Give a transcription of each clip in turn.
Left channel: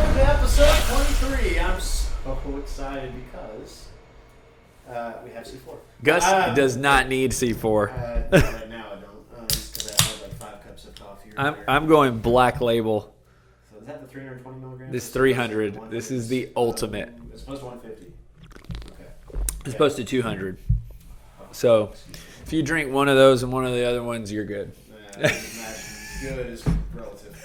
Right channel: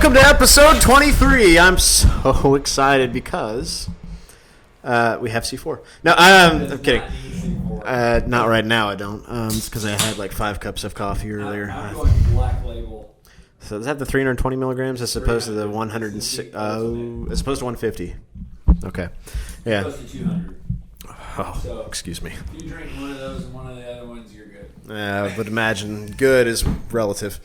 Welcome to episode 23. I'm so excited because we have C4. No, does not need C4. Not right now, I don't. It's because I had like 5 cups of coffee earlier. I'm going Black Label. So is that the 320 milligrams? It's as opposed to 300. the 100. This is the ultimate. As opposed to 150. Okay. It's supposed to 200. Oh, so excuse me. If you drink one of those and one of the other ones, you're good. I would imagine good is relative.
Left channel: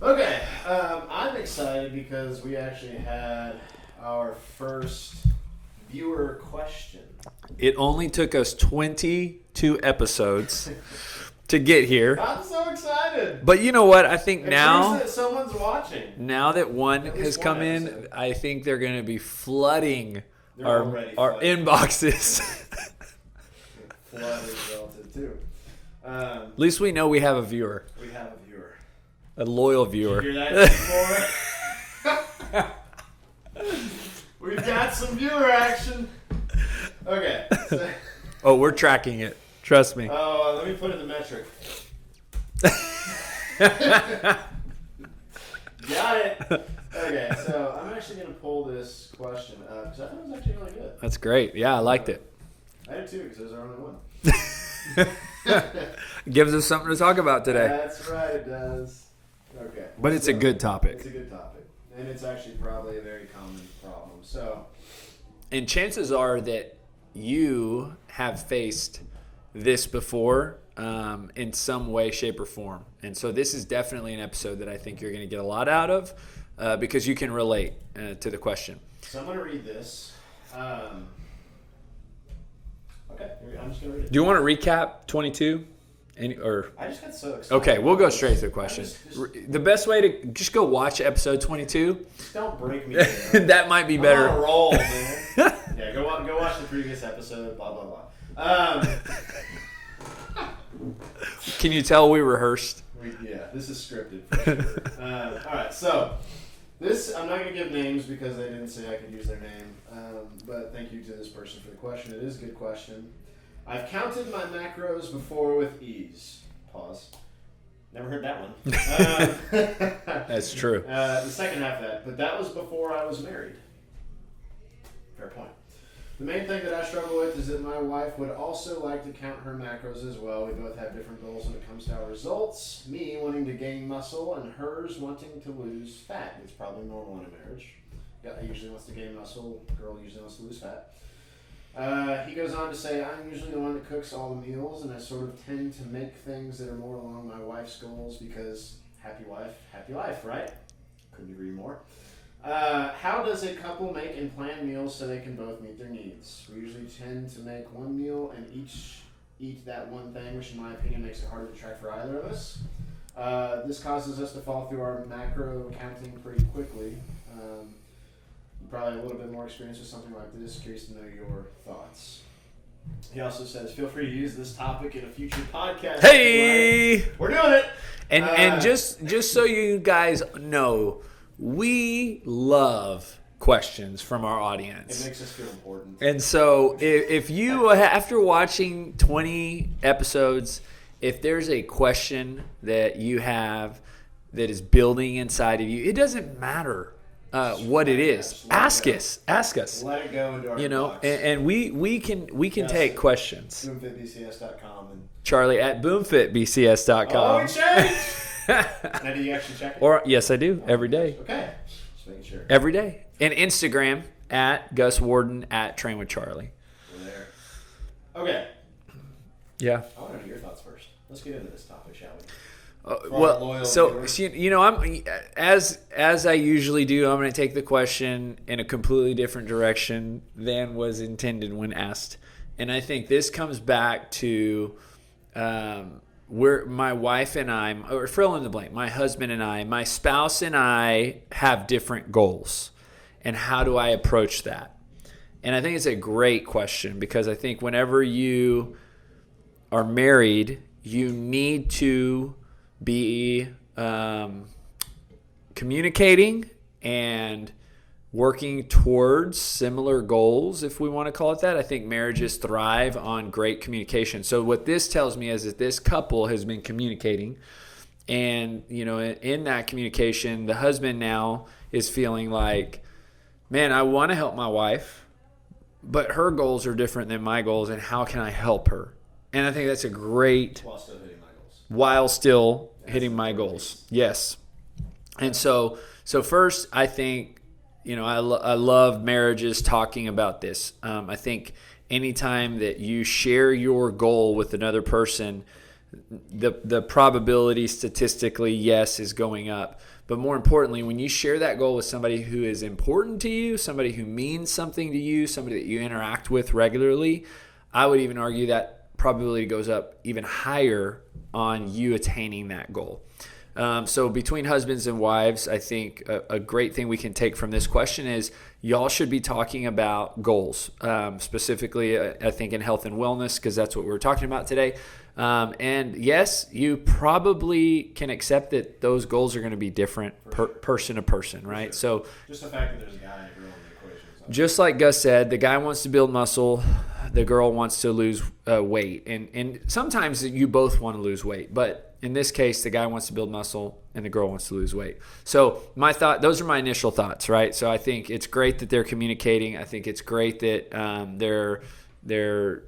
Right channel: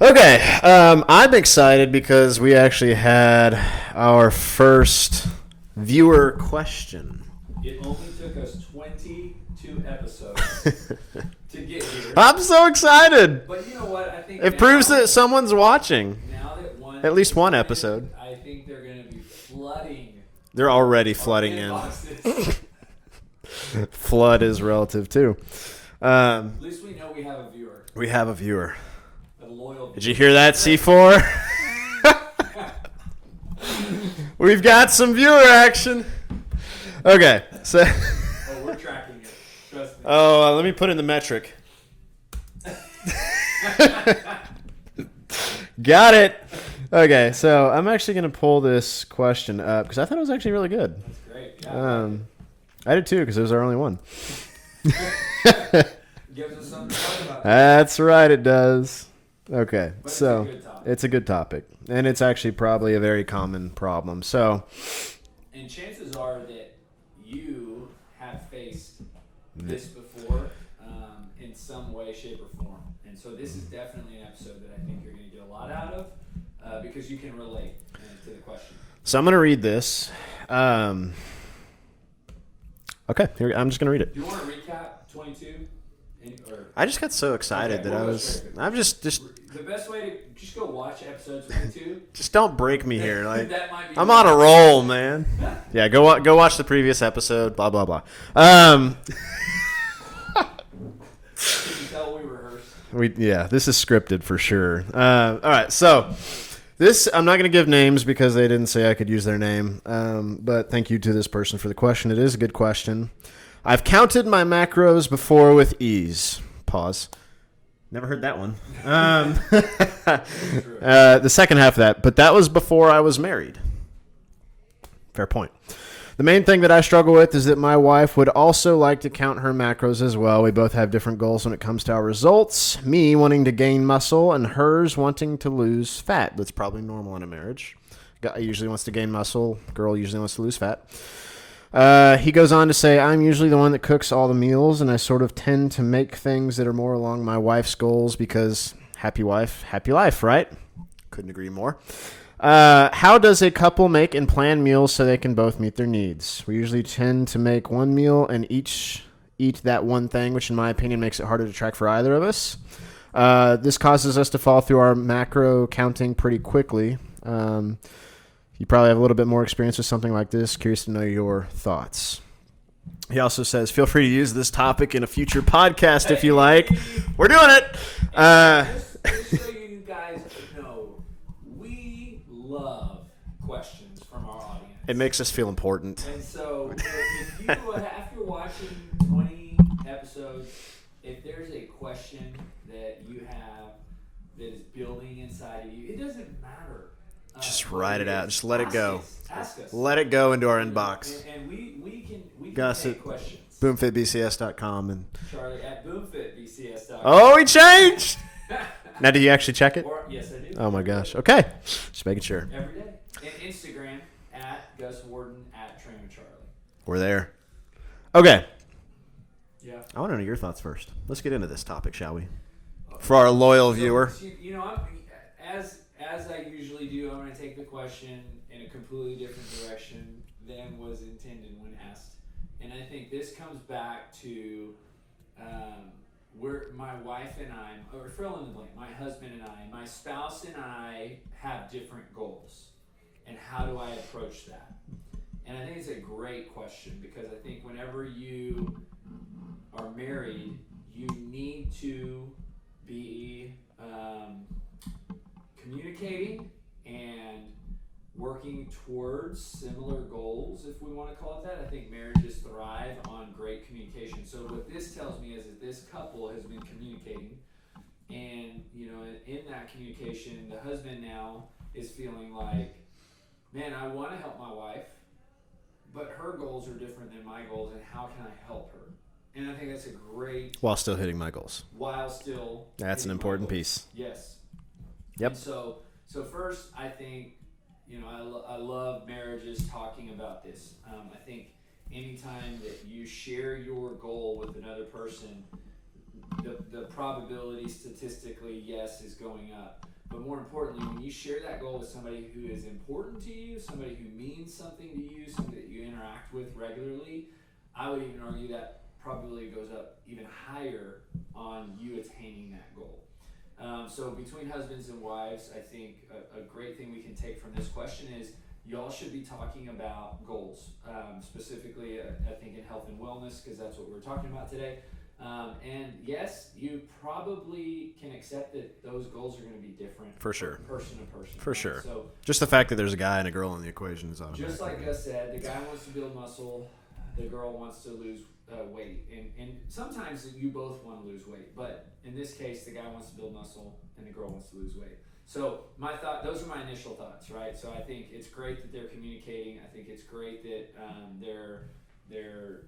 Okay, I'm excited because we actually had our first viewer question. It only took us 22 episodes to get here. I'm so excited. But you know what? I think it proves that someone's watching. Now that at least one episode, I think they're going to be flooding. They're already flooding our inboxes. Flood is relative too. At least we know we have a viewer. We have a viewer. A loyal viewer. Did you hear that, C4? We've got some viewer action. Okay. So. Oh, we're tracking it. Trust me. Oh, let me put in the metric. Got it. Okay, so I'm actually going to pull this question up because I thought it was actually really good. That's great. Yeah, I liked it. I did too because it was our only one. Gives us something to talk about today. That's right, it does. Okay. But it's a good topic. It's a good topic. And it's actually probably a very common problem. And chances are that you have faced this before in some way, shape, or form. And so this is definitely an episode that I think you're going to get a lot out of because you can relate to the question. So I'm going to read this. Okay, I'm just going to read it. Do you want to recap 22? I just got so excited. Okay, we'll go straight to the question. I'm just the best way to just go watch episode 22. Just don't break me here. Like, that might be better. I'm on a roll, man. Yeah, go watch the previous episode. Blah blah blah. Can you tell we rehearsed? This is scripted for sure. All right, so this I'm not going to give names because they didn't say I could use their name. But thank you to this person for the question. It is a good question. I've counted my macros before with ease. Pause. Never heard that one. That's true. The second half of that, but that was before I was married. Fair point. The main thing that I struggle with is that my wife would also like to count her macros as well. We both have different goals when it comes to our results. Me wanting to gain muscle and hers wanting to lose fat. That's probably normal in a marriage. Guy usually wants to gain muscle. Girl usually wants to lose fat. He goes on to say, I'm usually the one that cooks all the meals, and I sort of tend to make things that are more along my wife's goals because happy wife, happy life, right? Couldn't agree more. How does a couple make and plan meals so they can both meet their needs? We usually tend to make one meal and each eat that one thing, which in my opinion makes it harder to track for either of us. This causes us to fall through our macro counting pretty quickly. You probably have a little bit more experience with something like this. Curious to know your thoughts. He also says, feel free to use this topic in a future podcast if you like. We're doing it. And just so you guys know, we love questions from our audience. It makes us feel important. And so if you, after watching 20 episodes, if there's a question that you have that is building inside of you, it doesn't matter. What it is. Ask us. Let it go into our inbox. And we can take questions. BoomFitBCS.com and Charlie at BoomFitBCS.com. Oh, he changed. Now, do you actually check it? Yes, I do. Every day. Okay. Just making sure. Every day. And Instagram at Gus Warden at Train with Charlie. We're there. Okay. Yeah. I want to know your thoughts first. Let's get into this topic, shall we? For our loyal viewer. You know, I'm as I usually do, I'm going to take the question in a completely different direction than was intended when asked. And I think this comes back to where my wife and I, or fill in the blank, my husband and I, my spouse and I have different goals. And how do I approach that? And I think it's a great question because I think whenever you are married, you need to be communicating and working towards similar goals, if we want to call it that. I think marriages thrive on great communication. So what this tells me is that this couple has been communicating And, in that communication, the husband now is feeling like, man, I want to help my wife, but her goals are different than my goals, and how can I help her? And I think that's a great... While still hitting my goals. Hitting my goals. Piece. Yes. Yep. And so first, I think, I love marriages talking about this. I think anytime that you share your goal with another person, the probability statistically, yes, is going up. But more importantly, when you share that goal with somebody who is important to you, somebody who means something to you, somebody that you interact with regularly, I would even argue that probability goes up even higher on you attaining that goal. So between husbands and wives, I think a great thing we can take from this question is y'all should be talking about goals, specifically, I think, in health and wellness, because that's what we're talking about today. And yes, you probably can accept that those goals are going to be different person to person, right? Sure. So just the fact that there's a guy and a girl in the equation is just like Gus said, the guy wants to build muscle, the girl wants to lose weight, and sometimes you both want to lose weight, but in this case, the guy wants to build muscle and the girl wants to lose weight. So those are my initial thoughts, right? So I think it's great that they're communicating. I think it's great that they're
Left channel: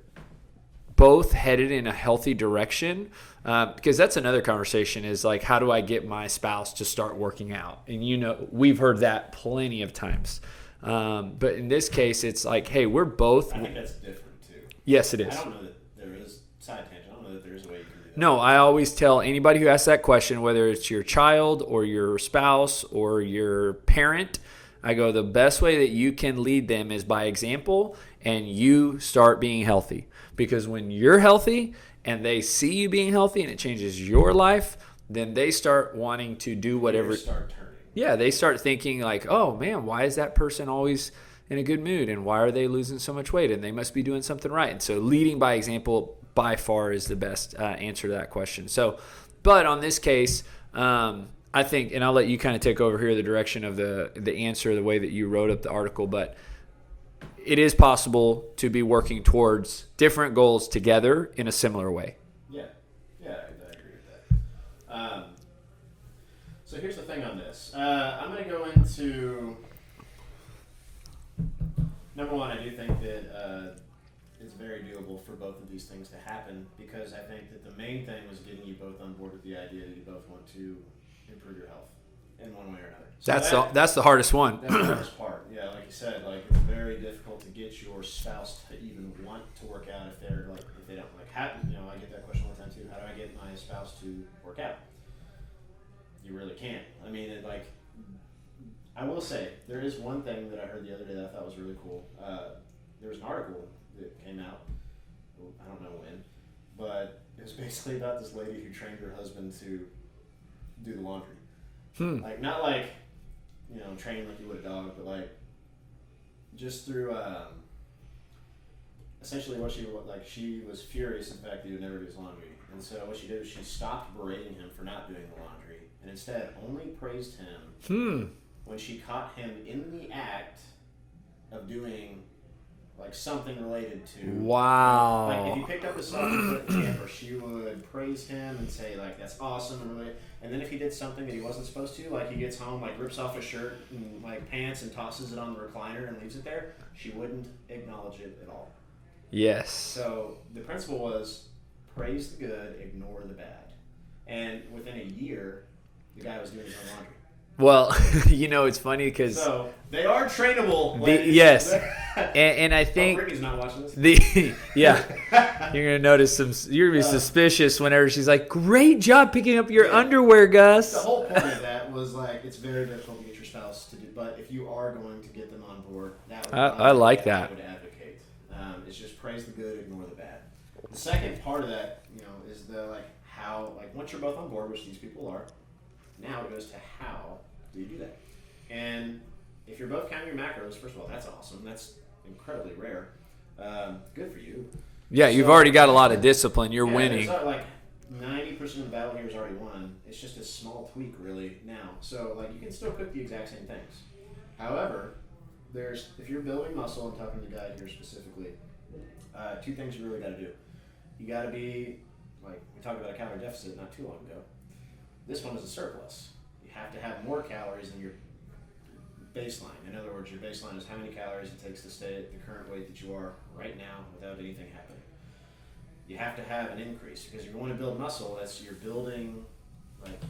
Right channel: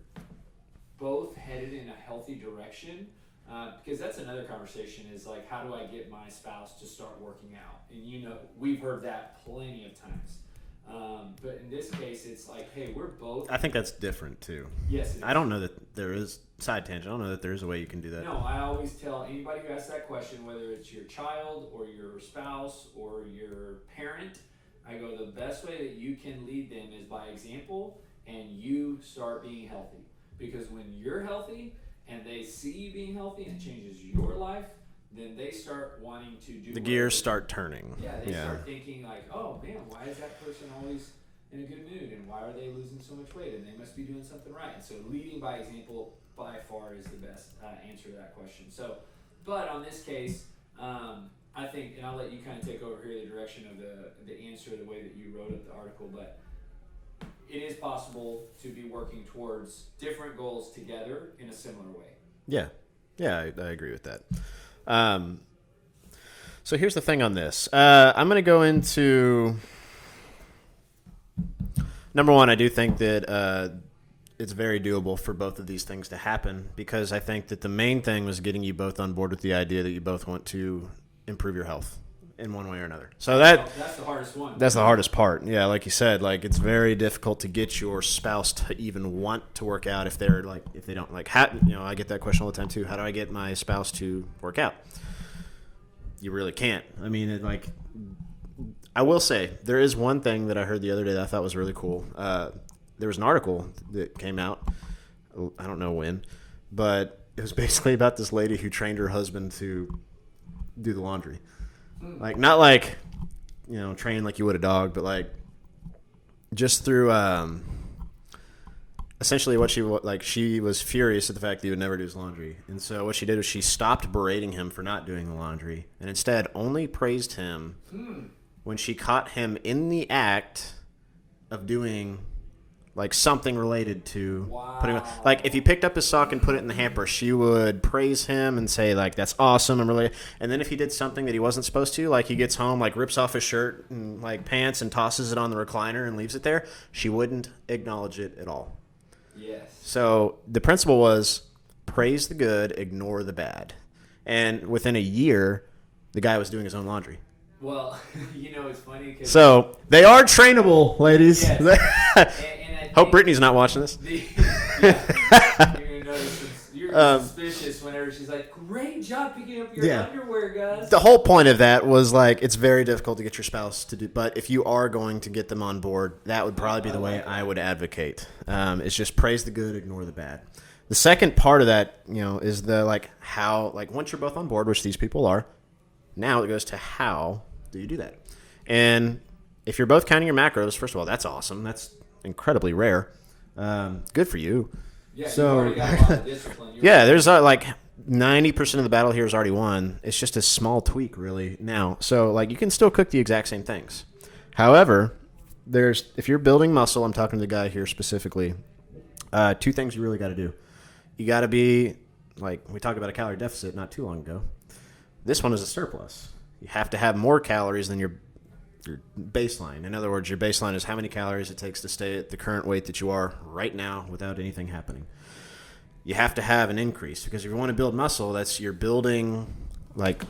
both headed in a healthy direction, because that's another conversation is like, how do I get my spouse to start working out? And we've heard that plenty of times. But in this case, it's like, hey, we're both. I think that's different too. Yes, it is. I don't know that there is side tangent. I don't know that there is a way you can do that. No, I always tell anybody who asks that question, whether it's your child or your spouse or your parent, I go, the best way that you can lead them is by example, and you start being healthy. Because when you're healthy and they see you being healthy and it changes your life, then they start wanting to do whatever. Gears start turning. Yeah, they start thinking like, oh man, why is that person always in a good mood, and why are they losing so much weight, and they must be doing something right. And so leading by example by far is the best answer to that question. So, but on this case, I think, and I'll let you kind of take over here the direction of the answer, the way that you wrote up the article, but it is possible to be working towards different goals together in a similar way. Yeah, I agree with that. So here's the thing on this. I'm going to go into number one. I do think that it's very doable for both of these things to happen, because I think that the main thing was getting you both on board with the idea that you both want to improve your health in one way or another. So that's the hardest one. That's the hardest part. Yeah, like you said, like it's very difficult to get your spouse to even want to work out if they don't like. I get that question all the time too. How do I get my spouse to work out? You really can't. I mean, I will say there is one thing that I heard the other day that I thought was really cool. There was an article that came out. I don't know when, but it was basically about this lady who trained her husband to do the laundry. Like, not like, training like you would a dog, but like just through essentially what she was furious at the fact that he would never do his laundry. And so what she did was she stopped berating him for not doing the laundry and instead only praised him when she caught him in the act of doing like something related to like if he picked up his sock and put it in the hamper, she would praise him and say like, that's awesome, and then if he did something that he wasn't supposed to, like he gets home, like rips off his shirt and like pants and tosses it on the recliner and leaves it there, she wouldn't acknowledge it at all. Yes. So the principle was praise the good, ignore the bad. And within a year, the guy was doing his own laundry. Well, it's funny because... So, they are trainable, ladies. Yes. and I think... Hope Brittany's not watching this. Yeah. You're going to notice you're suspicious whenever she's like, great job picking up your underwear, Gus. The whole point of that was like, it's very difficult to get your spouse to do... But if you are going to get them on board, that would probably be the way I would advocate. It's just praise the good, ignore the bad. The second part of that, is the how... once you're both on board, which these people are, now it goes to how do you do that? And if you're both counting your macros, first of all, that's awesome. That's incredibly rare. Good for you. Yeah, you've already got a lot of discipline. There's 90% of the battle here is already won. It's just a small tweak, really, now. So, you can still cook the exact same things. However, if you're building muscle, I'm talking to the guy here specifically, two things you really got to do. You got to be, we talked about a calorie deficit not too long ago. This one is a surplus. You have to have more calories than your baseline. In other words, your baseline is how many calories it takes to stay at the current weight that you are right now without anything happening. You have to have an increase because if you want to build muscle, you're building like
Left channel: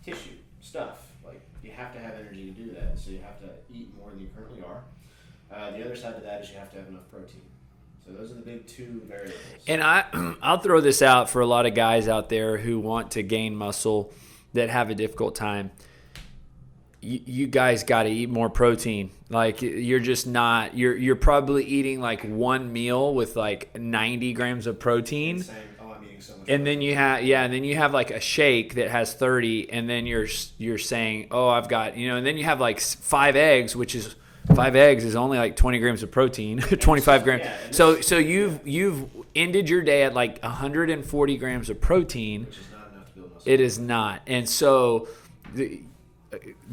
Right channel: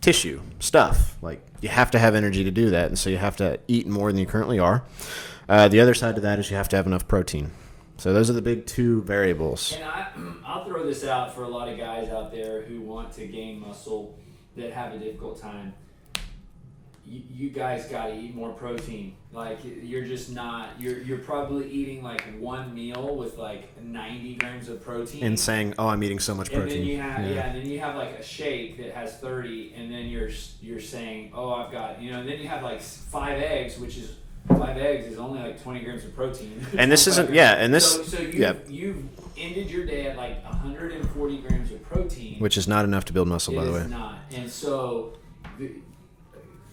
tissue stuff. Like you have to have energy to do that, and so you have to eat more than you currently are. The other side of that is you have to have enough protein. So those are the big two variables. And I'll throw this out for a lot of guys out there who want to gain muscle that have a difficult time. You guys got to eat more protein. Like you're just not. You're probably eating like one meal with like 90 grams of protein, and saying, "Oh, I'm eating so much protein." And then you have and then you have like a shake that has 30, and then you're saying, "Oh, I've got," and then you have like 5 eggs, which is 5 eggs is only like 20 grams of protein. And 25 grams. Yeah, and this, so you've ended your day at like 140 grams of protein, which is not enough to build muscle. It is not, and so.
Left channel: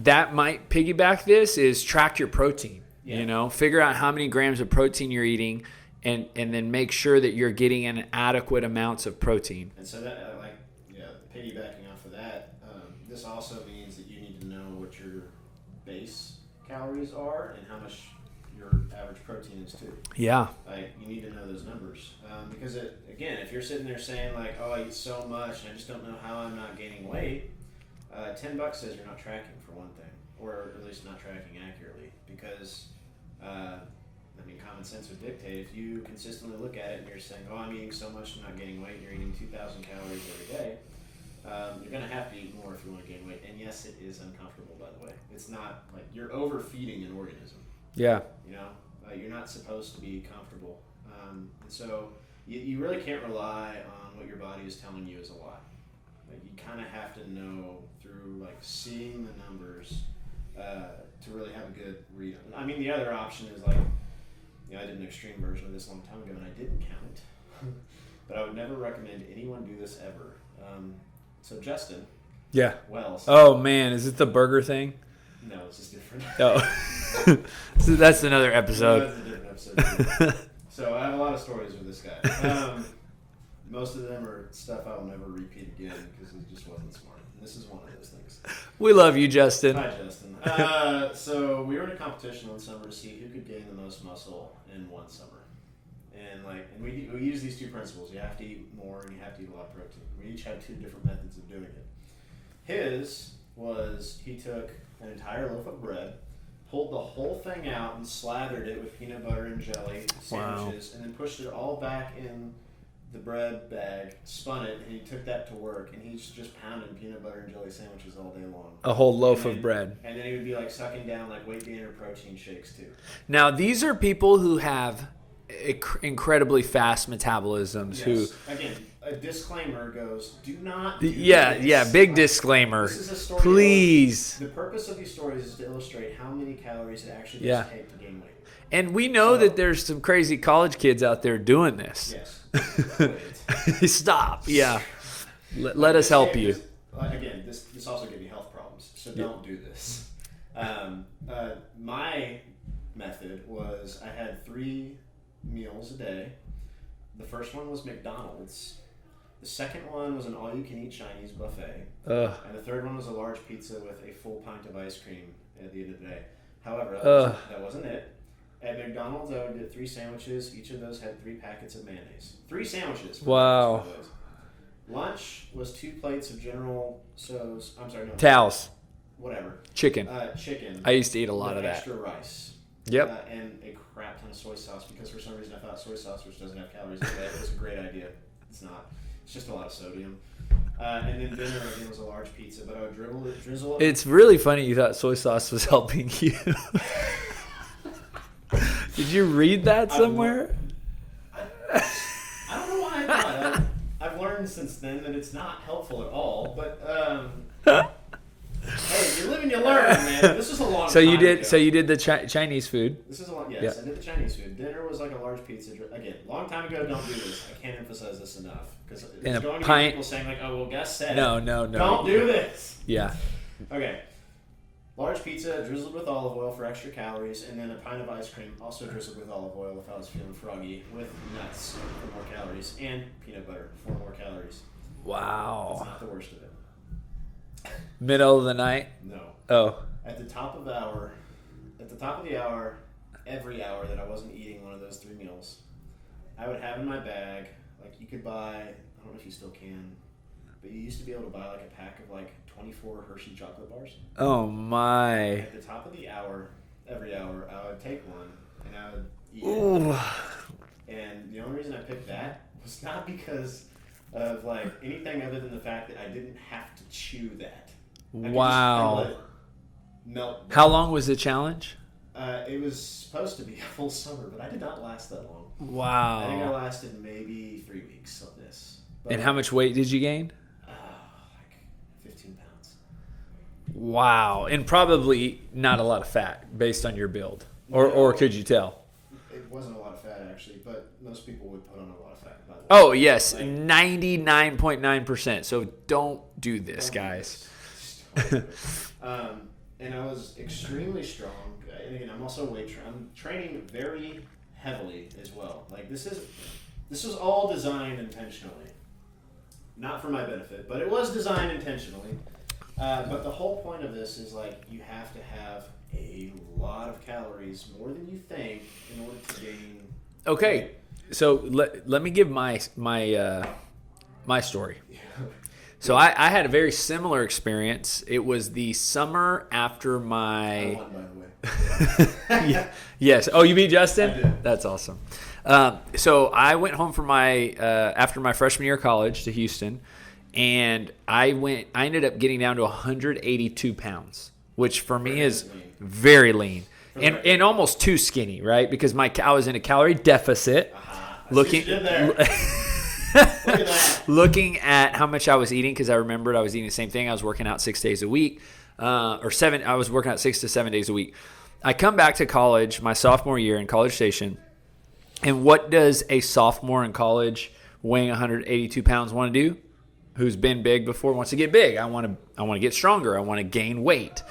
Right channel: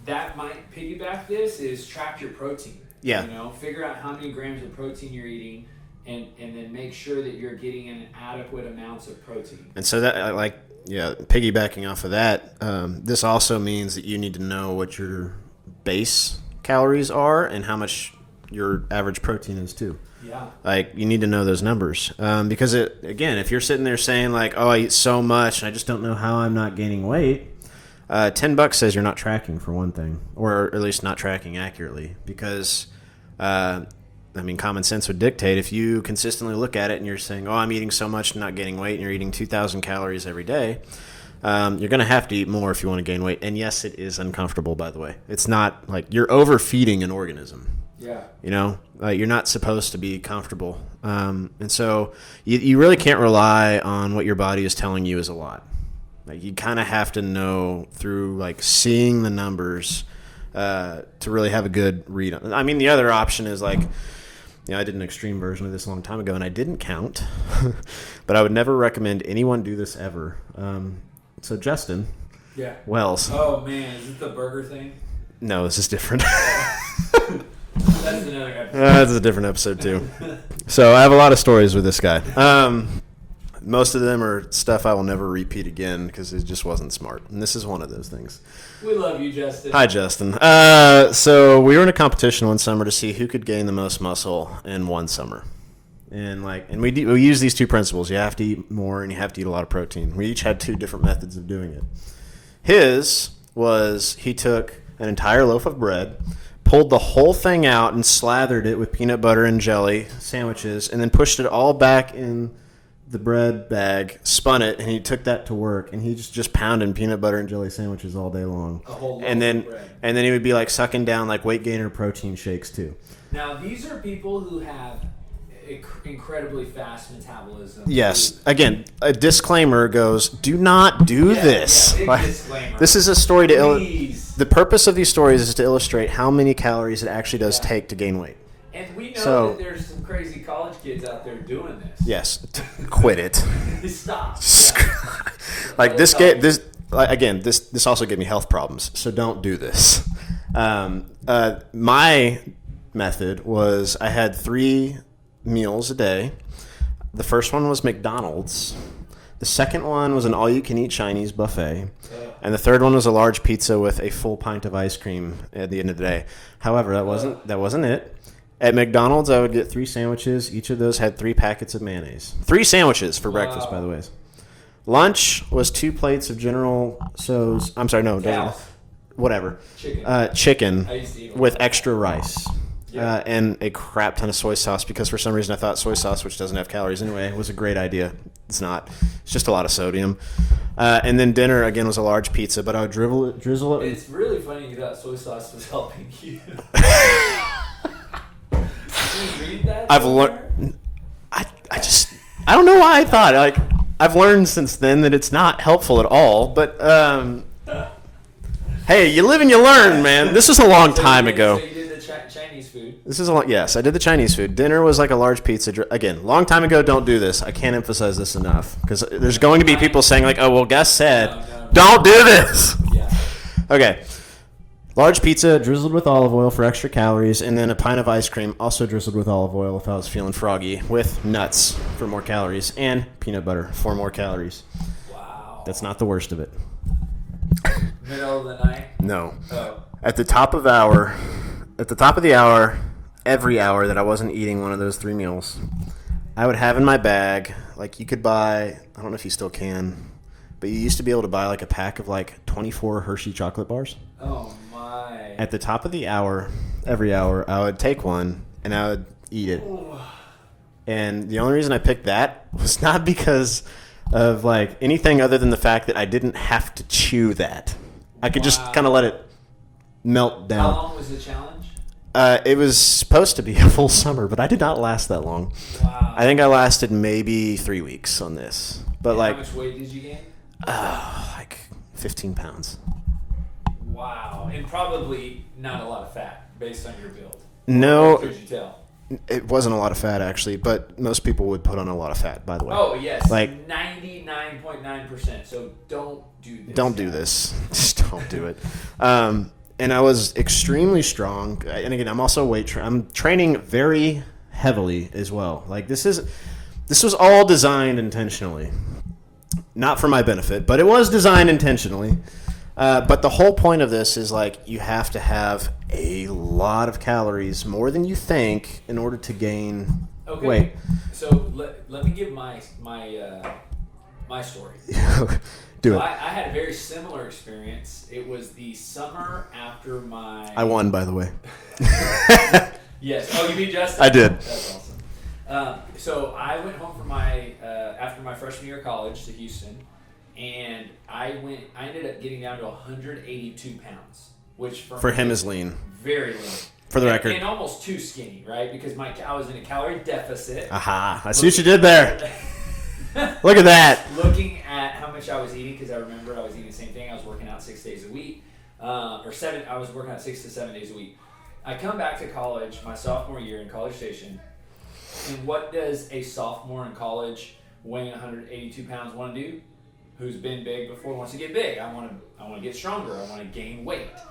That might piggyback this is track your protein. Yeah. Figure out how many grams of protein you're eating and then make sure that you're getting an adequate amounts of protein. And so that piggybacking off of that, this also means that you need to know what your base calories are and how much your average protein is too. Yeah. Like you need to know those numbers because if you're sitting there saying like, oh, I eat so much and I just don't know how I'm not gaining weight, $10 says you're not tracking for one thing, or at least not tracking accurately because, common sense would dictate if you consistently look at it and you're saying, oh, I'm eating so much and not gaining weight and you're eating 2,000 calories every day, you're going to have to eat more if you want to gain weight. And yes, it is uncomfortable, by the way. It's not like you're overfeeding an organism. Yeah. You're not supposed to be comfortable. And so you really can't rely on what your body is telling you is a lot. Like you kind of have to know through like seeing the numbers to really have a good read on it. I mean, the other option is like, I did an extreme version of this a long time ago and I didn't count, but I would never recommend anyone do this ever. So Justin. Yeah. Wells. Oh man, is it the burger thing? No, this is different. Oh. That's another episode. That's a different episode too. So I have a lot of stories with this guy. Most of them are stuff I will never repeat again because it just wasn't smart. And this is one of those things. We love you, Justin. Hi, Justin. So we were in a competition one summer to see who could gain the most muscle in one summer. And we use these two principles. You have to eat more and you have to eat a lot of protein. We each had 2 different methods of doing it. His was he took an entire loaf of bread, pulled the whole thing out and slathered it with peanut butter and jelly sandwiches, and then pushed it all back in the bread bag, spun it, and he took that to work, and he just pounding peanut butter and jelly sandwiches all day long. A whole loaf of bread. And then he would be like sucking down like weight gainer protein shakes too. Now, these are people who have incredibly fast metabolism. Yes. Again, a disclaimer goes, do not do this. Yeah, big disclaimer. This is a story Please. The purpose of these stories is to illustrate how many calories it actually does take to gain weight. And we know that there's some crazy college kids out there doing this. Yes. Quit it. Stop. Yeah. Like this also gave me health problems, so don't do this. My method was I had 3 meals a day. The first one was McDonald's. The second one was an all-you-can-eat Chinese buffet. And the third one was a large pizza with a full pint of ice cream at the end of the day. However, that wasn't it. At McDonald's, I would get 3 sandwiches. Each of those had 3 packets of mayonnaise. 3 sandwiches for breakfast, by the way. Lunch was 2 plates of General Tso's. I'm sorry, no. Taos. Whatever. Chicken. Chicken. I used to eat a lot with of that. Extra rice. Yep. And a crap ton of soy sauce because for some reason I thought soy sauce, which doesn't have calories anyway, was a great idea. It's not. It's just a lot of sodium. And then dinner, again, was a large pizza, but I would drizzle it. It's really funny you thought soy sauce was helping you. Did you read that somewhere? I don't know why I thought. I've learned since then that it's not helpful at all. But hey, you live and you learn, man. This was a long time ago. So you did the Chinese food. This is yes, I did the Chinese food. Dinner was like a large pizza. Again, long time ago. Don't do this. I can't emphasize this enough because there's going to be people saying like, "Oh, well, Gus said, no. don't do this." Yeah. Okay. Large pizza drizzled with olive oil for extra calories, and then a pint of ice cream also drizzled with olive oil if I was feeling froggy, with nuts for more calories, and peanut butter for more calories. Wow. That's not the worst of it. Middle of the night? No. Oh. At the top of the hour, every hour that I wasn't eating one of those 3 meals, I would have in my bag, like you could buy, I don't know if you still can, but you used to be able to buy like a pack of like 24 Hershey chocolate bars. Oh, my. At the top of the hour, every hour, I would take one and I would eat it. Ooh. And the only reason I picked that was not because of like anything other than the fact that I didn't have to chew that. I could just kind of let it melt down. How long was the challenge? It was supposed to be a full summer, but I did not last that long. Wow. I think I lasted maybe 3 weeks on this. But and like, how much weight did you gain? like 15 pounds. Wow. And probably not a lot of fat based on your build. No. Or could you tell? It wasn't a lot of fat, actually, but most people would put on a lot of fat, by the way. Oh, yes. Like 99.9%. So don't do this, Don't guys. do this. Just don't do it. And I was extremely strong. And again, I'm also I'm training very heavily as well. Like this was all designed intentionally. Not for my benefit, but it was designed intentionally. But the whole point of this is like you have to have a lot of calories, more than you think, in order to gain weight. So let me give my story. So I had a very similar experience. It was the summer after my... I won, by the way. Yes. Oh, you beat Justin? I did. That's awesome. So I went home for my after my freshman year of college to Houston, and I ended up getting down to 182 pounds, which for me him is lean. Very lean. For the record. And almost too skinny, right? Because I was in a calorie deficit. Aha. I see what you did there. Look at that. Looking at how much I was eating, because I remembered I was eating the same thing. I was working out 6 days a week, or 7. I was working out 6 to 7 days a week. I come back to college, my sophomore year in College Station, and what does a sophomore in college weighing 182 pounds want to do? Who's been big before wants to get big. I want to get stronger. I want to gain weight.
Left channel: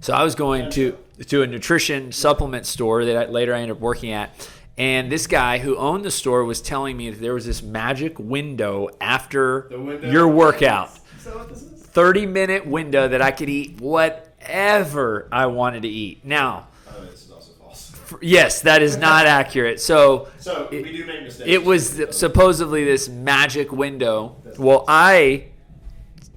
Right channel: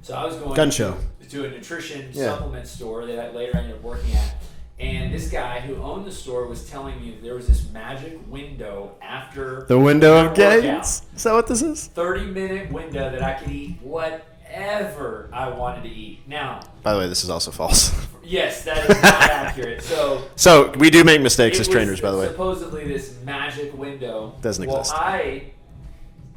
So I was going to a nutrition supplement store that later I ended up working at. And this guy who owned the store was telling me that there was this magic window after the window your of workout. guidance? Is that what this is? 30-minute window that I could eat whatever I wanted to eat. Now, by the way, this is also false. Yes, that is not accurate. So we do make mistakes as trainers, by the way. Supposedly this magic window. Doesn't exist.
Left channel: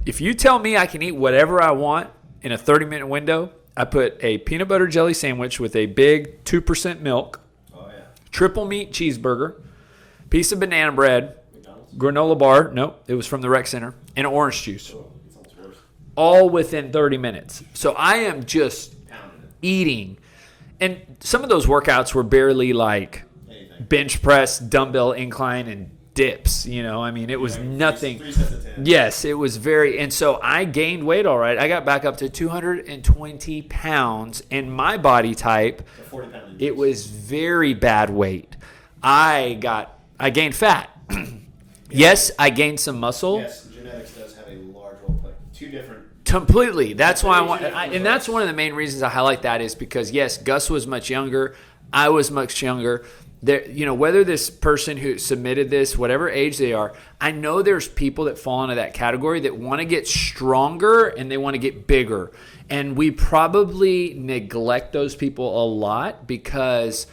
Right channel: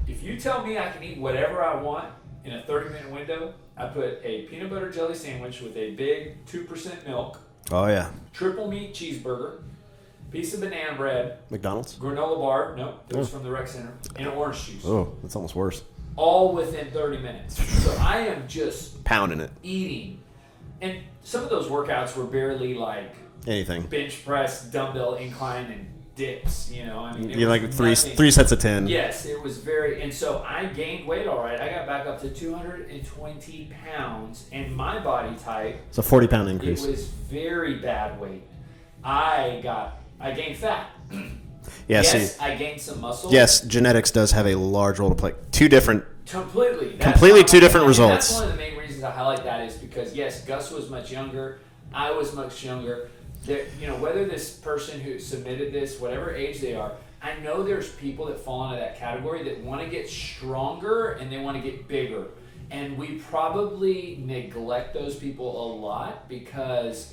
If you tell me I can eat whatever I want in a 30-minute window, I put a peanut butter jelly sandwich with a big 2% milk. Oh, yeah. Triple meat cheeseburger, piece of banana bread. McDonald's? Granola bar. Nope, it was from the rec center. And orange juice. Oh, that's almost worse. All within 30 minutes. So I am just pounding it. Eating. And some of those workouts were barely like anything. Bench press, dumbbell incline, and dips. You know, I mean, it was like nothing. 3 sets of 10. Yes, it was very. And so I gained weight all right. I got back up to 220 pounds, and my body type. It's a 40-pound increase. It was very bad weight. I gained fat. Yes, I gained some muscle. Yes, genetics does have a large role to play. Completely. Completely two different results. And that's one of the main reasons I highlight that is because, yes, Gus was much younger. I was much younger. There, whether this person who submitted this, whatever age they are, I know there's people that fall into that category that want to get stronger and they want to get bigger. And we probably neglect those people a lot because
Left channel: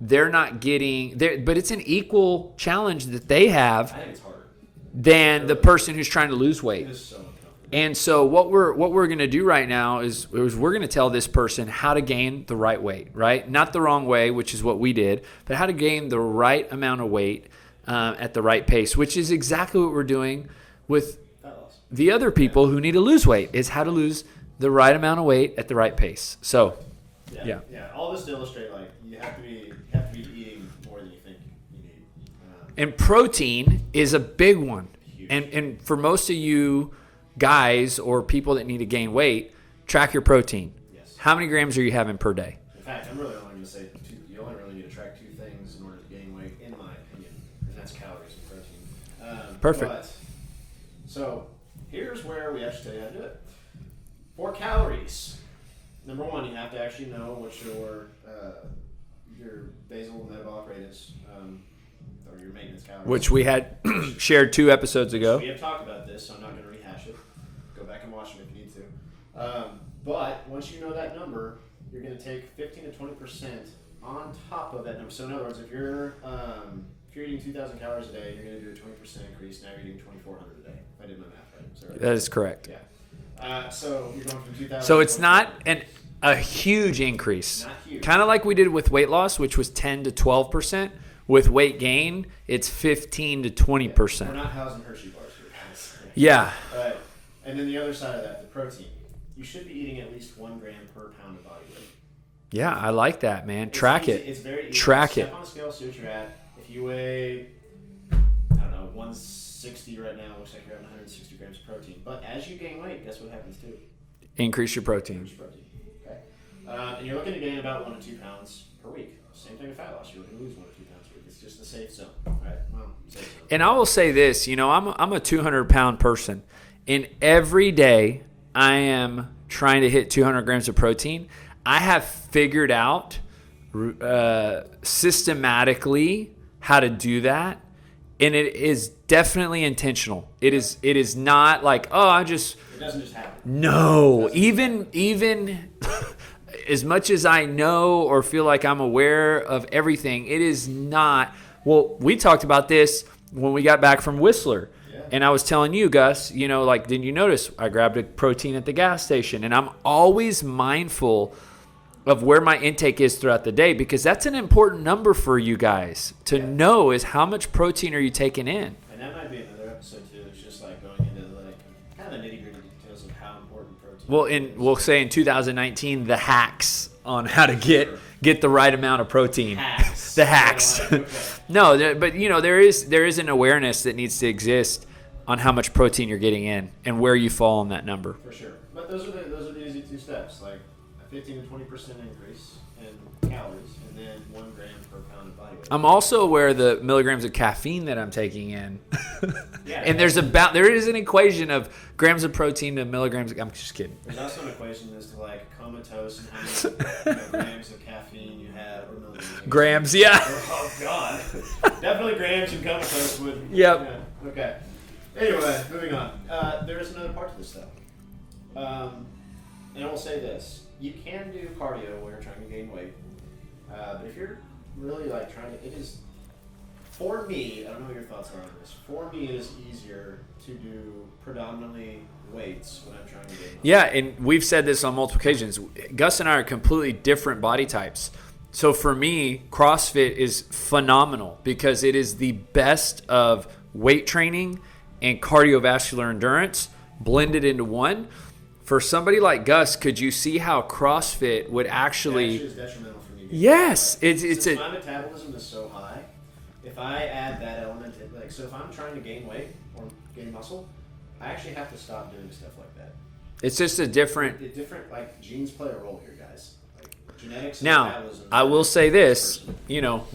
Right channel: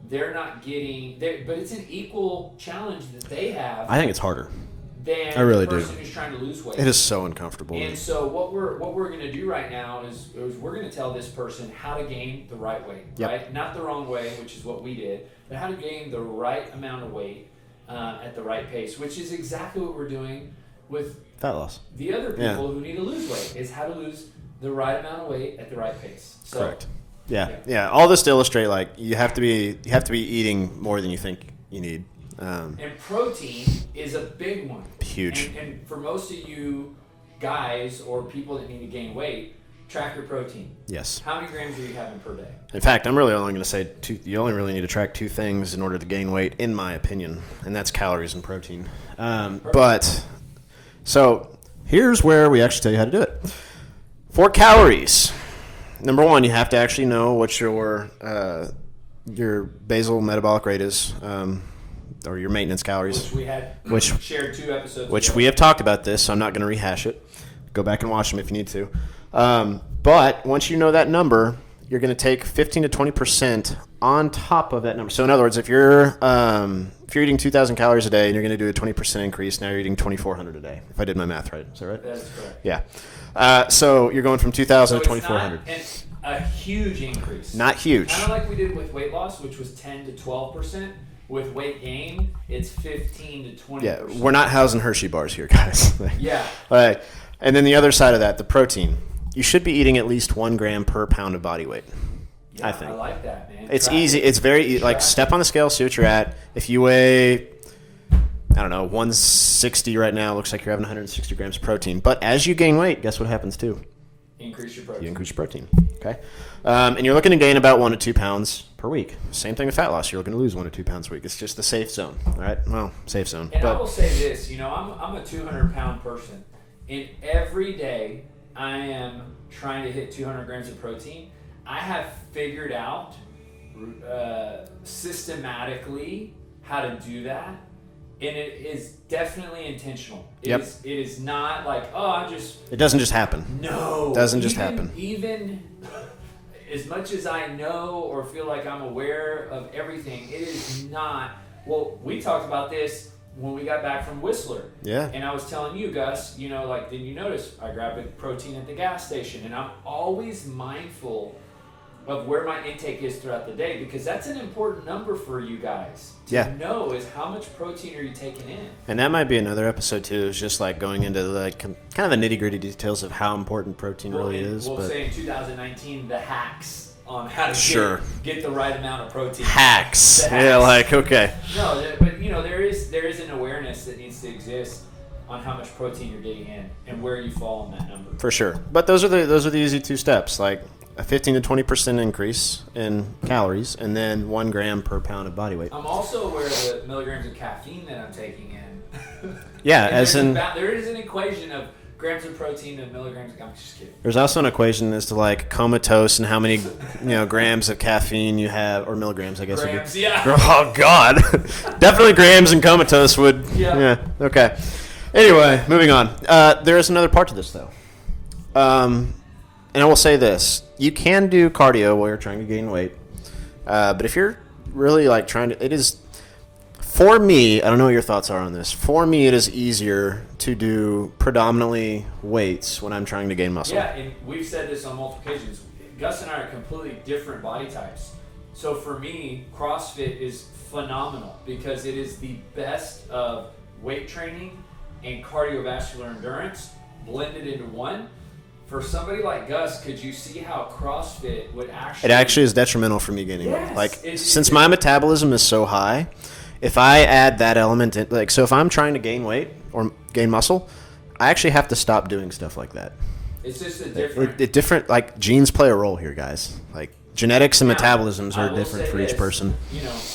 they're not getting there. But it's an equal challenge that they have. I think it's harder than the person who's trying to lose weight. It is so uncomfortable. And so what we're going to do right now is we're going to tell this person how to gain the right weight, right? Yep. Not the wrong way, which is what we did, but how to gain the right amount of weight at the right pace, which is exactly what we're doing with fat loss. The other people who need to lose weight is how to lose the right amount of weight at the right pace. So, correct. Yeah. All this to illustrate, like you have to be eating more than you think you need. And protein is a big one. Huge. And for most of you guys or people that need to gain weight, track your protein. Yes. How many grams are you having per day? In fact, I'm really only going to say you only really need to track 2 things in order to gain weight, in my opinion, and that's calories and protein. Perfect. But, so here's where we actually tell you how to do it. For calories, number 1, you have to actually know what your basal metabolic rate is. Or your maintenance calories. Which we had shared 2 episodes ago. Which we have talked about this, so I'm not going to rehash it. Go back and watch them if you need to. But once you know that number, you're going to take 15 to 20% on top of that number. So in other words, if you're eating 2,000 calories a day and you're going to do a 20% increase, now you're eating 2,400 a day. If I did my math right, is that right? That is correct. Yeah. So you're going from 2,000 to 2,400. So it's not a huge increase. Not huge. Kind of like we did with weight loss, which was 10 to 12%. With weight gain, it's 15 to 20%. Yeah, we're not housing Hershey bars here, guys. Yeah. All right. And then the other side of that, the protein. You should be eating at least 1 gram per pound of body weight. Yeah, I like that, man. It's easy. It's very easy. Like, step on the scale, see what you're at. If you weigh, I don't know, 160 right now, looks like you're having 160 grams of protein. But as you gain weight, guess what happens too? Increase your protein. You increase your protein. Okay. And you're looking to gain about 1 to 2 pounds per week. Same thing with fat loss. You're looking to lose 1 to 2 pounds a week. It's just the safe zone, right? Well, safe zone. And I will say this, I'm a 200-pound person. And every day I am trying to hit 200 grams of protein. I have figured out systematically how to do that. And it is definitely intentional. It is not like, It doesn't just happen. No. It doesn't just happen. Even as much as I know or feel like I'm aware of everything, it is not. Well, we talked about this when we got back from Whistler. Yeah. And I was telling you, Gus, didn't you notice I grabbed a protein at the gas station? And I'm always mindful of where my intake is throughout the day, because that's an important number for you guys to know, is how much protein are you taking in. And that might be another episode too. It's just like going into kind of the nitty gritty details of how important protein really is. We'll say in 2019, the hacks on how to get the right amount of protein. Hacks. The hacks. Yeah, okay. No, but there is an awareness that needs to exist on how much protein you're getting in and where you fall on that number. For sure. But those are the easy 2 steps, like a 15 to 20% increase in calories, and then 1 gram per pound of body weight. I'm also aware of the milligrams of caffeine that I'm taking in. Yeah, and there is an equation of grams of protein to milligrams. I'm just kidding. There's also an equation as to like comatose and how many grams of caffeine you have, or milligrams, I guess. Grams, yeah. Oh God, definitely grams and comatose would. Yep. Yeah. Okay. Anyway, moving on. There is another part to this though. And I will say this. You can do cardio while you're trying to gain weight. But if you're really like trying to, it is, for me, I don't know what your thoughts are on this. For me, it is easier to do predominantly weights when I'm trying to gain muscle. Yeah, and we've said this on multiple occasions. Gus and I are completely different body types. So for me, CrossFit is phenomenal because it is the best of weight training and cardiovascular endurance blended into one. For somebody like Gus, could you see how CrossFit would actually... It actually is detrimental for me gaining weight. Like, since my metabolism is so high, if I add that element in, so if I'm trying to gain weight or gain muscle, I actually have to stop doing stuff like that. It's just a different... like genes play a role here, guys. Like genetics and metabolisms are different for each person.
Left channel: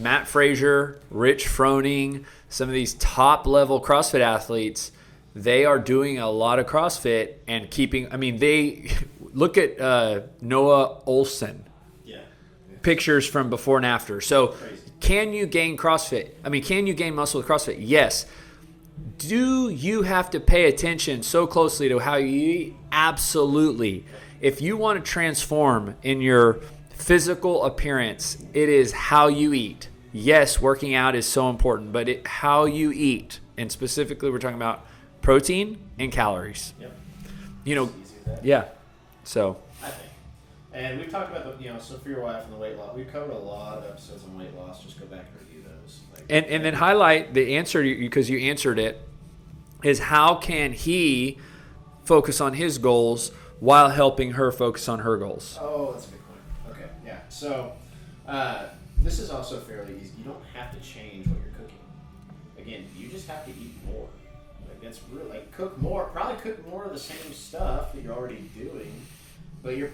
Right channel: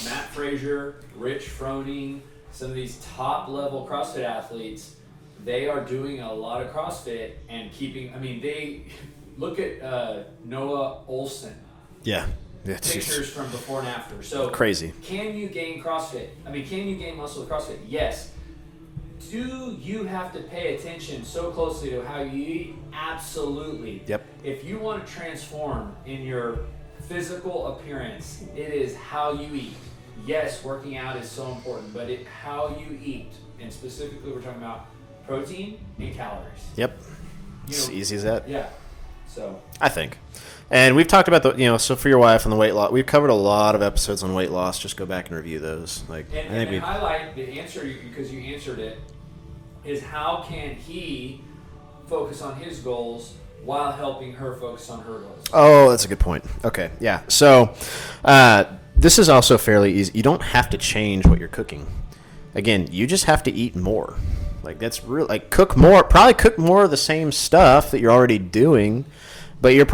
Matt Frazier, Rich Froning, some of these top-level CrossFit athletes... They are doing a lot of CrossFit and keeping. I mean, they look at Noah Olson. Yeah. Pictures from before and after. So crazy. Can you gain CrossFit? I mean, can you gain muscle with CrossFit? Yes. Do you have to pay attention so closely to how you eat? Absolutely. Yep. If you want to transform in your physical appearance, it is how you eat. Yes, working out is so important, but how you eat, and specifically we're talking about protein and calories. Yep. As easy as that. Yeah. So I think. And we've talked about so for your wife and the weight loss, we've covered a lot of episodes on weight loss. Just go back and review those. And then highlight the answer, because you answered it, is how can he focus on his goals while helping her focus on her goals? Oh, that's a good point. Okay. Yeah. So this is also fairly easy. You don't have to change what you're cooking. Again, you just have to eat more. Like that's real. Like cook more of the same stuff that you're already doing, but you're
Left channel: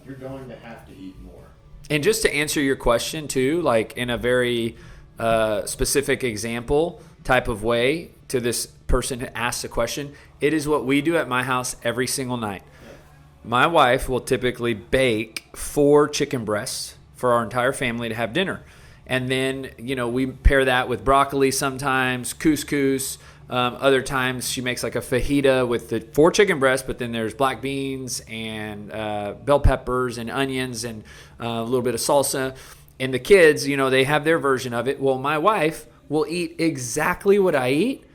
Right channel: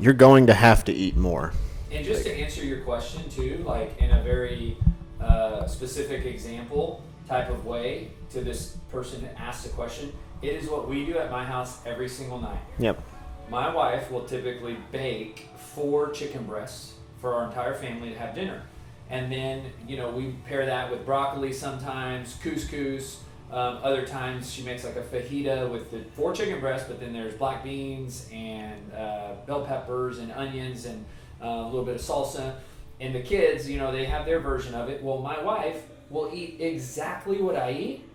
you're going to have to eat more. And just to answer your question too, like in a very specific example type of way to this person who asked the question, it is what we do at my house every single night. Yep. My wife will typically bake 4 chicken breasts for our entire family to have dinner. And then, we pair that with broccoli sometimes, couscous, Other times she makes like a fajita with the 4 chicken breasts, but then there's black beans and bell peppers and onions and a little bit of salsa. And the kids, they have their version of it. Well, my wife will eat exactly what I eat,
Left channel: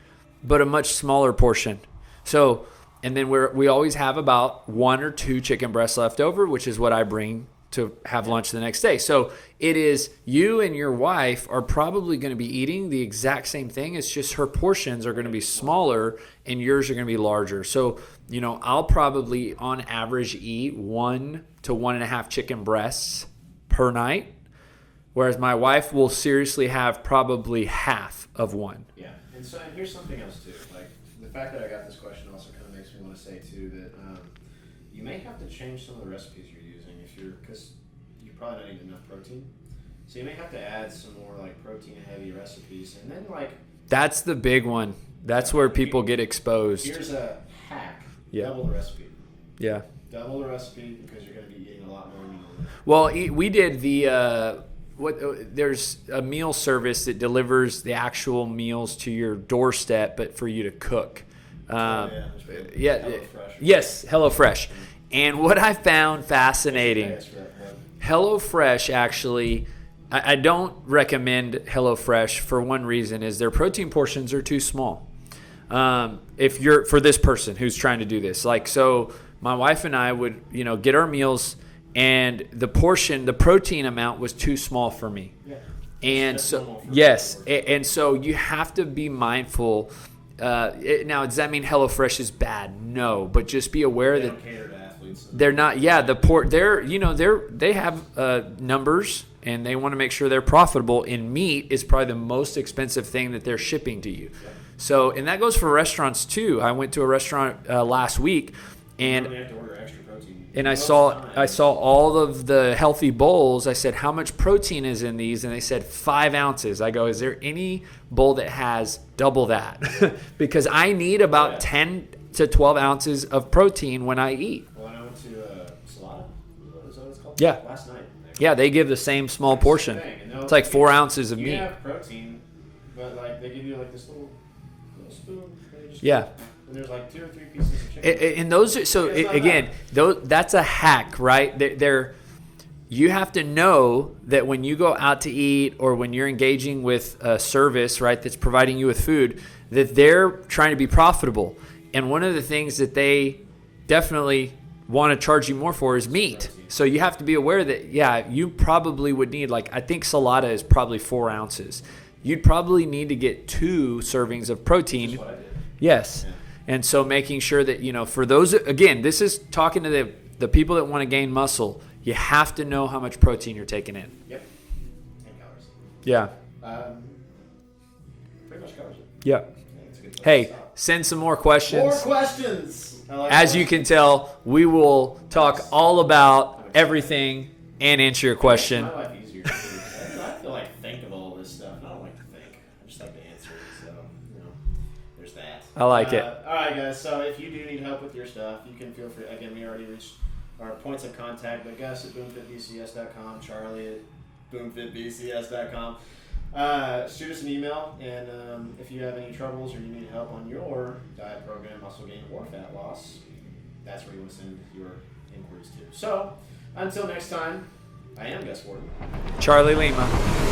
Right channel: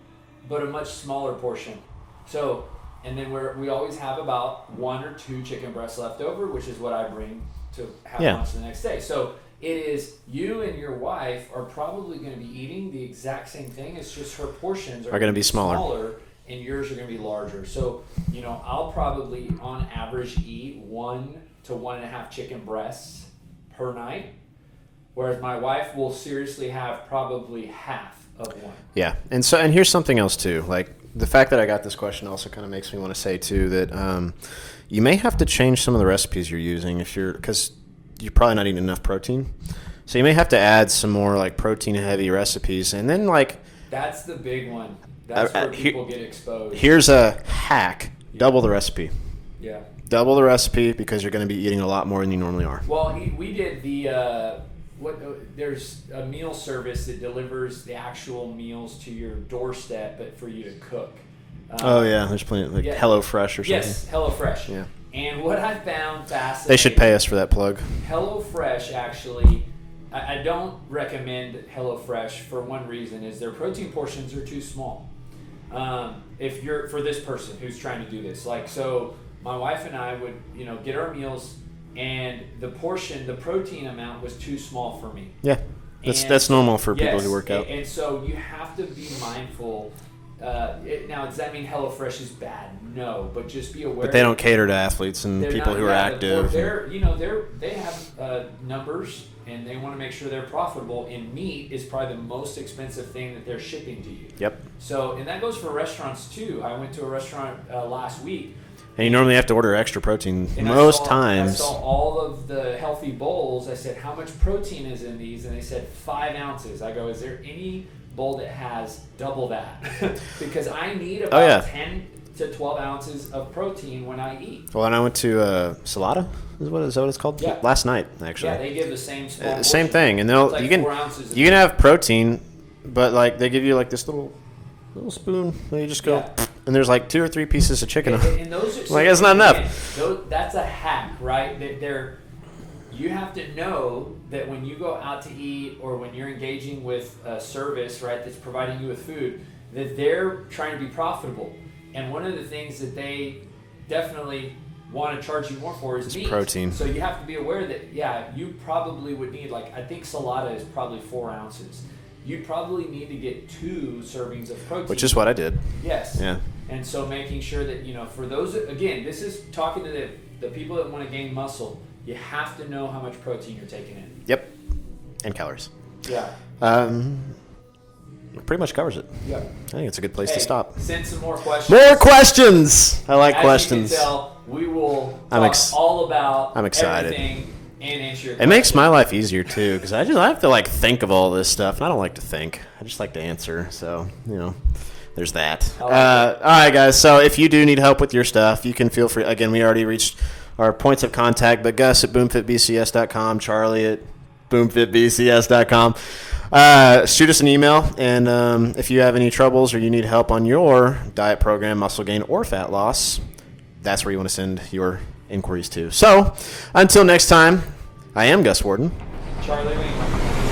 but a much smaller portion. So, and then we always have about 1 or 2 chicken breasts left over, which is what I bring to have lunch the next day. So it is you and your wife are probably going to be eating the exact same thing. It's just her portions are going to be smaller and yours are going to be larger. So, I'll probably on average eat 1 to 1.5 chicken breasts per night, whereas my wife will seriously have probably half of one. Yeah. And here's something else too. Like the fact that I got this question also kind of makes me want to say too that you may have to change some of the recipes you're using because you're probably not eating enough protein. So you may have to add some more like protein heavy recipes. And then that's the big one. That's where people get exposed. Here's a hack. Yeah. Double the recipe. Yeah. Double the recipe because you're going to be eating a lot more than you normally are. Well, we did there's a meal service that delivers the actual meals to your doorstep, but for you to cook. There's plenty HelloFresh or something. Yes, HelloFresh. Yeah. And what I found fascinating... They should pay us for that plug. HelloFresh actually... I don't recommend HelloFresh for one reason, is their protein portions are too small. If you're... For this person who's trying to do this. So my wife and I would, get our meals, and the protein amount was too small for me. Yeah. That's normal for people who work out. And so you have to be mindful... now, does that mean HelloFresh is bad? No, but just be aware they don't cater to athletes and they're people not. Who are active. They have numbers and they want to make sure they're profitable. And meat is probably the most expensive thing that they're shipping to you. Yep. So, and that goes for restaurants too. I went to a restaurant last week. And you normally have to order extra protein and times. I saw all of the healthy bowls. I said, how much protein is in these? And they said 5 ounces. I go, is there any bowl that has double that? Because I need about 10 to 12 ounces of protein when I eat. Well, and I went to Salada. Is that what it's called? Yeah. Last night, actually. Yeah, they give the same small portion. Same thing. And it's like 4 ounces of meat. You can have protein, but they give you this little spoon. And you just go, and there's 2 or 3 pieces of chicken. And those are, so it's not enough. That's a hack, right? You have to know that when you go out to eat or when you're engaging with a service, right, that's providing you with food, that they're trying to be profitable. And one of the things that they definitely want to charge you more for is meat. Protein. So you have to be aware that, you probably would need, I think Salada is probably 4 ounces. You'd probably need to get 2 servings of protein. Which is what I did. Yes. Yeah. And so making sure that, for those, again, this is talking to the people that want to gain muscle. You have to know how much protein you're taking in. Yep. And calories. Yeah. Pretty much covers it. Yeah. I think it's a good place to stop. Send some more questions. More questions! I like questions. As you can tell, we will talk all about everything and answer your questions. It makes my life easier, too, because I have to, think of all this stuff, and I don't like to think. I just like to answer, so, there's that. I like it. All right, guys, so if you do need help with your stuff, you can feel free. Again, we already reached our points of contact, but Gus at boomfitbcs.com, Charlie at boomfitbcs.com. Shoot us an email, and if you have any troubles or you need help on your diet program, muscle gain, or fat loss, that's where you want to send your inquiries to. So, until next time, I am Gus Warden. Charlie Lima.